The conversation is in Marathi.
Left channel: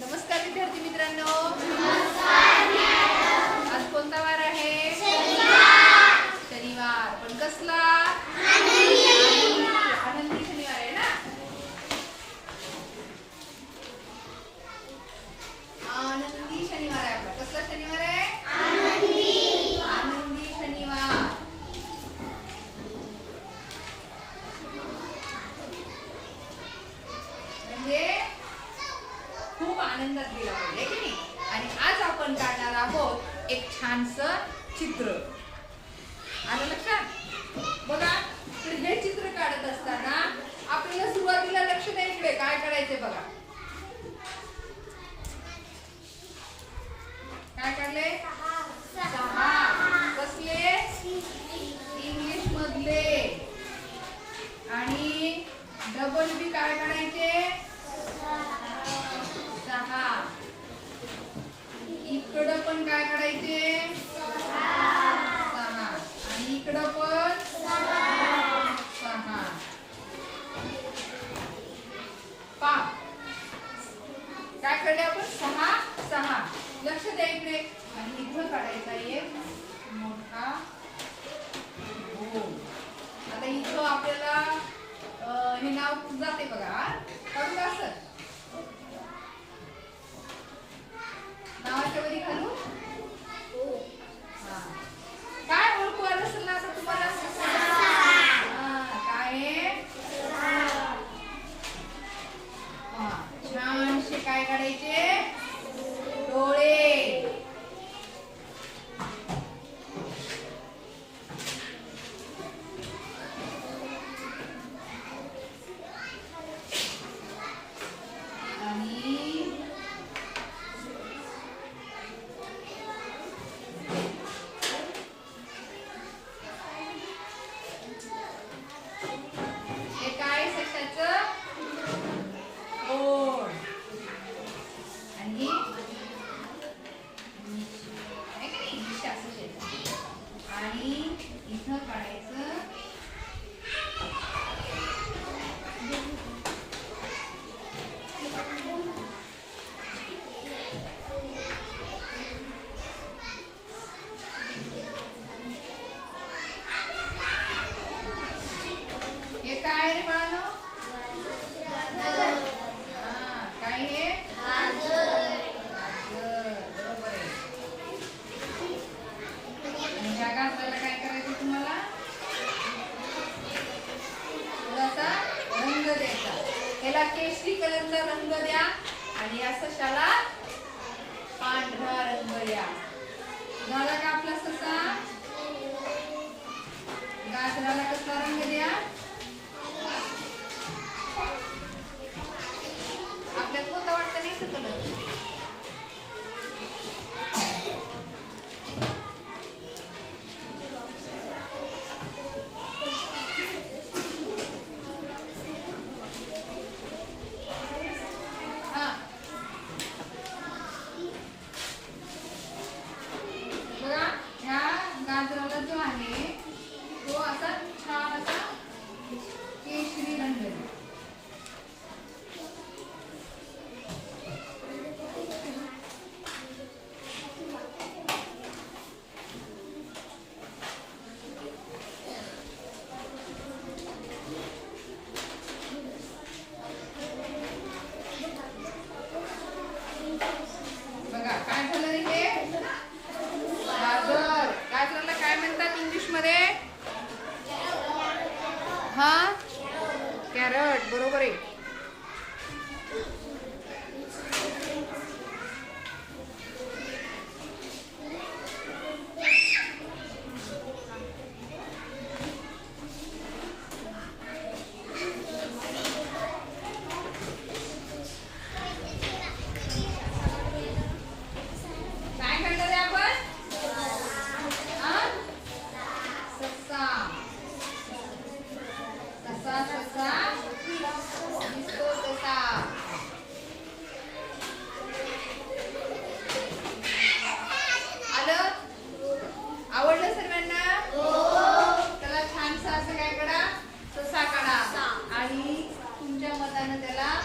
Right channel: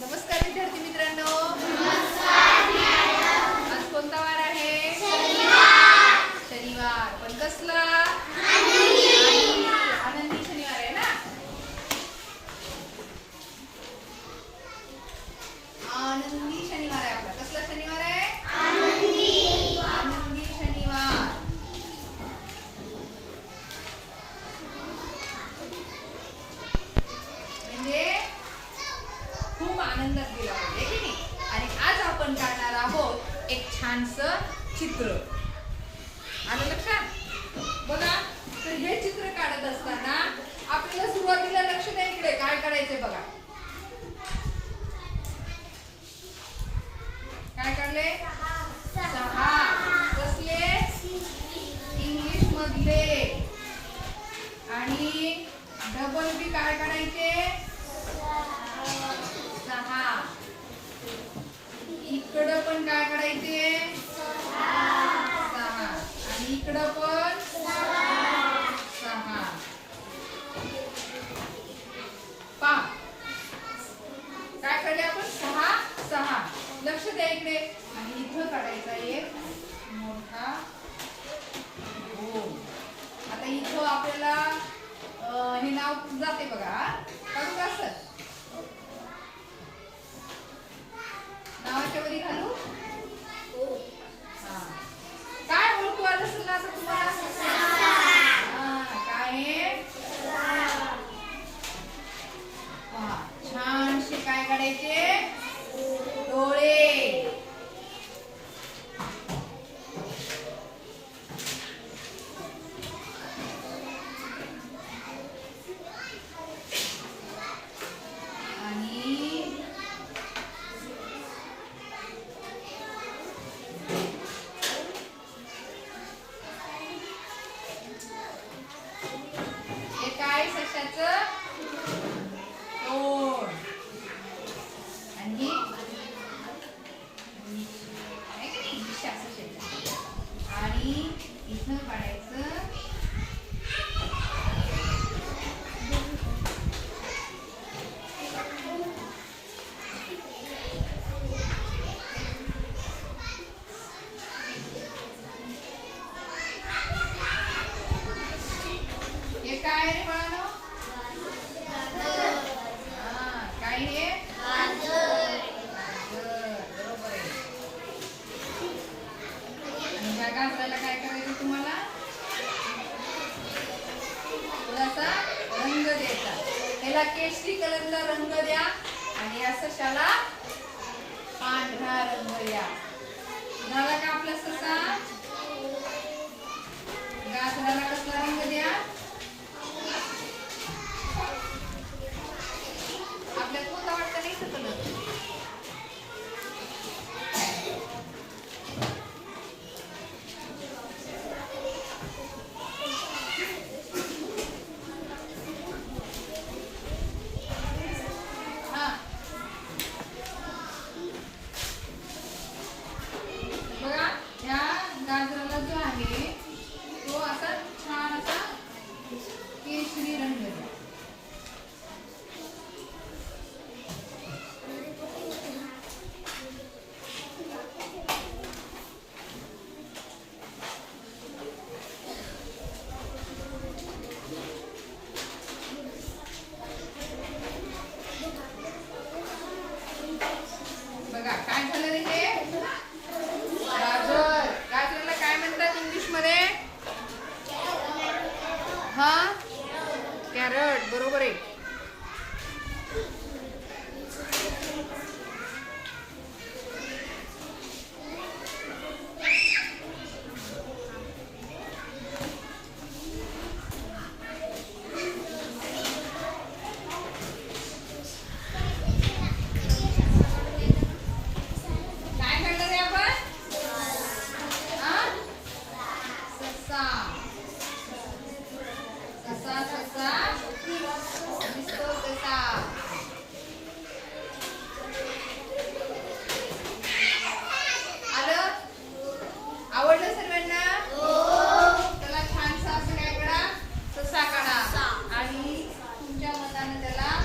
नमस्कार विद्यार्थी मित्रांनो. आज कोणता वार आहे? शनिवार. पण कसला? आनंदी शनिवार आहे ना? आनंद शनिवार आहे आपला कसला शनिवार आहे आनंदी शनिवार म्हणजे खूप आनंदात गेला पाहिजे की नाही? आणि आज आपण काढणार आहोत एक छानस चित्र. आलं लक्षात? बघा तर हे चित्र काढत असताना आपल्याला सुरुवातीला लक्ष द्या इकडे काय करायचंय बघा. काय काढलंय? जाते बघा हा? काढू असं नावाच्या वरी घालू Christ. याला केशरी कलरचा रंग द्या आणि या सशाला पांढरा रंग द्या झाला का आपला ससा? गाजराला कसला मध्ये? हा? कॅरट बरोबर आहे. त्याला